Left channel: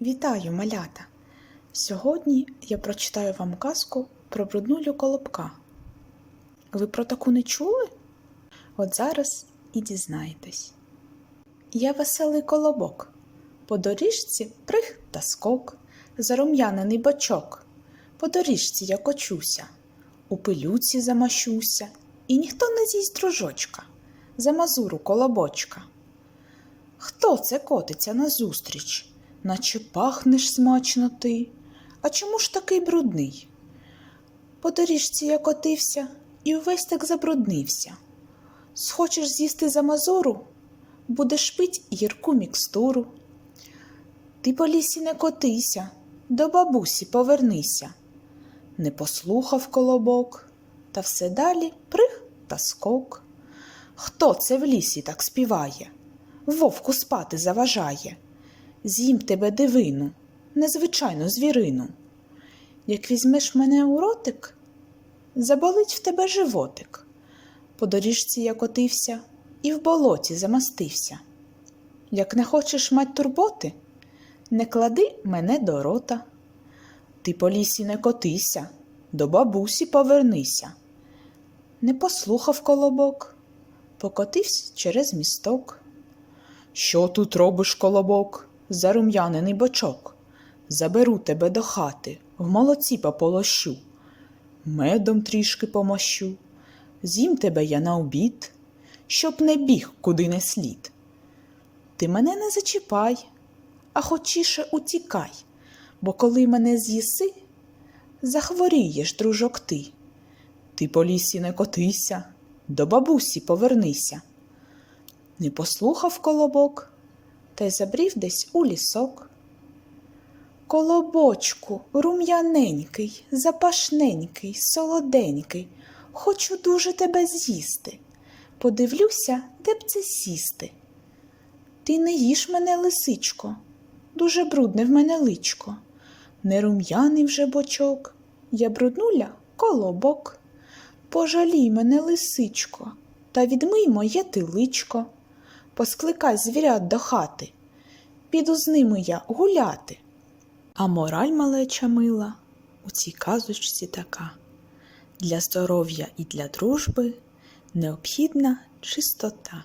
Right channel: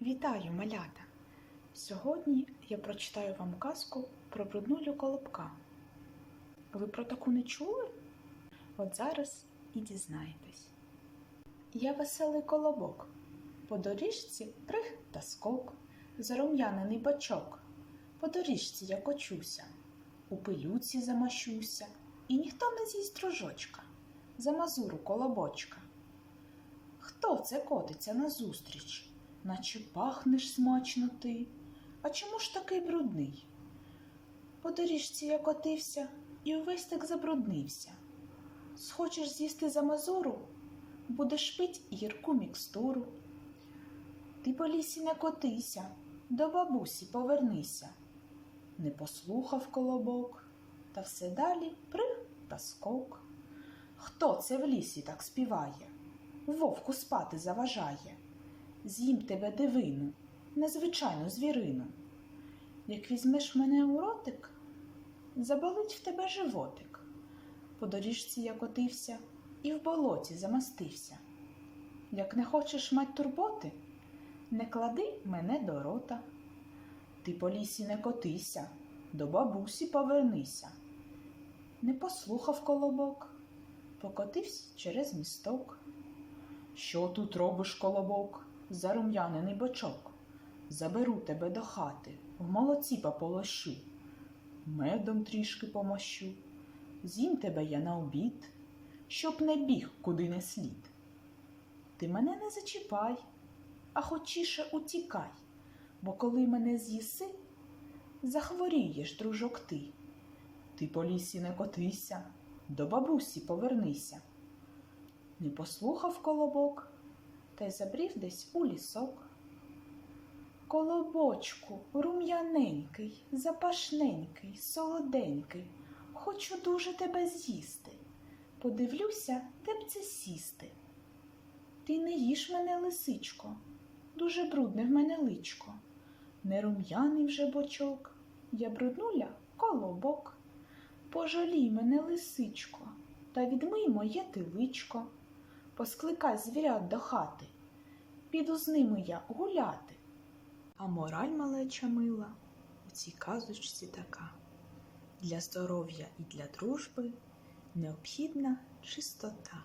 Вітаю, малята! Сьогодні я прочитаю вам казку про бруднулю колобка. Ви про таку не чули? От зараз і дізнаєтесь. Я веселий колобок, по доріжці прих та скок, зарум'янений бочок, по доріжці я кочуся, у пилюці замащуся, і ніхто не з'їсть дружочка, за мазуру колобочка. Хто це котиться назустріч? Наче пахнеш смачно ти. А чому ж такий брудний? По доріжці я котився і увесь так забруднився. Схочеш з'їсти за мазуру, будеш пить гірку мікстуру. Ти по лісі не котися, до бабусі повернися. Не послухав колобок, та все далі прих та скок. Хто це в лісі так співає? Вовку спати заважає. З'їм тебе дивину, незвичайну звірину. Як візьмеш мене у ротик, заболить в тебе животик. По доріжці я котився і в болоті замастився. Як не хочеш мать турботи, не клади мене до рота. Ти по лісі не котися, до бабусі повернися. Не послухав колобок, покотився через місток. Що тут робиш, колобок? Зарум'янений бочок. Заберу тебе до хати, в молоці пополощу, медом трішки помощу, з'їм тебе я на обід, щоб не біг куди не слід. Ти мене не зачіпай, а хочіше утікай, бо коли мене з'їси, захворієш, дружок ти. Ти по лісі не котися, до бабусі повернися. Не послухав колобок, та й забрів десь у лісок. Колобочку, рум'яненький, запашненький, солоденький, хочу дуже тебе з'їсти. Подивлюся, де б це сісти. Ти не їж мене, лисичко, дуже брудне в мене личко. Не рум'яний вже бочок, я бруднуля колобок. Пожалій мене, лисичко, та відмий моє ти личко. Поскликай звірят до хати, піду з ними я гуляти. А мораль малеча мила у цій казочці така. Для здоров'я і для дружби необхідна чистота.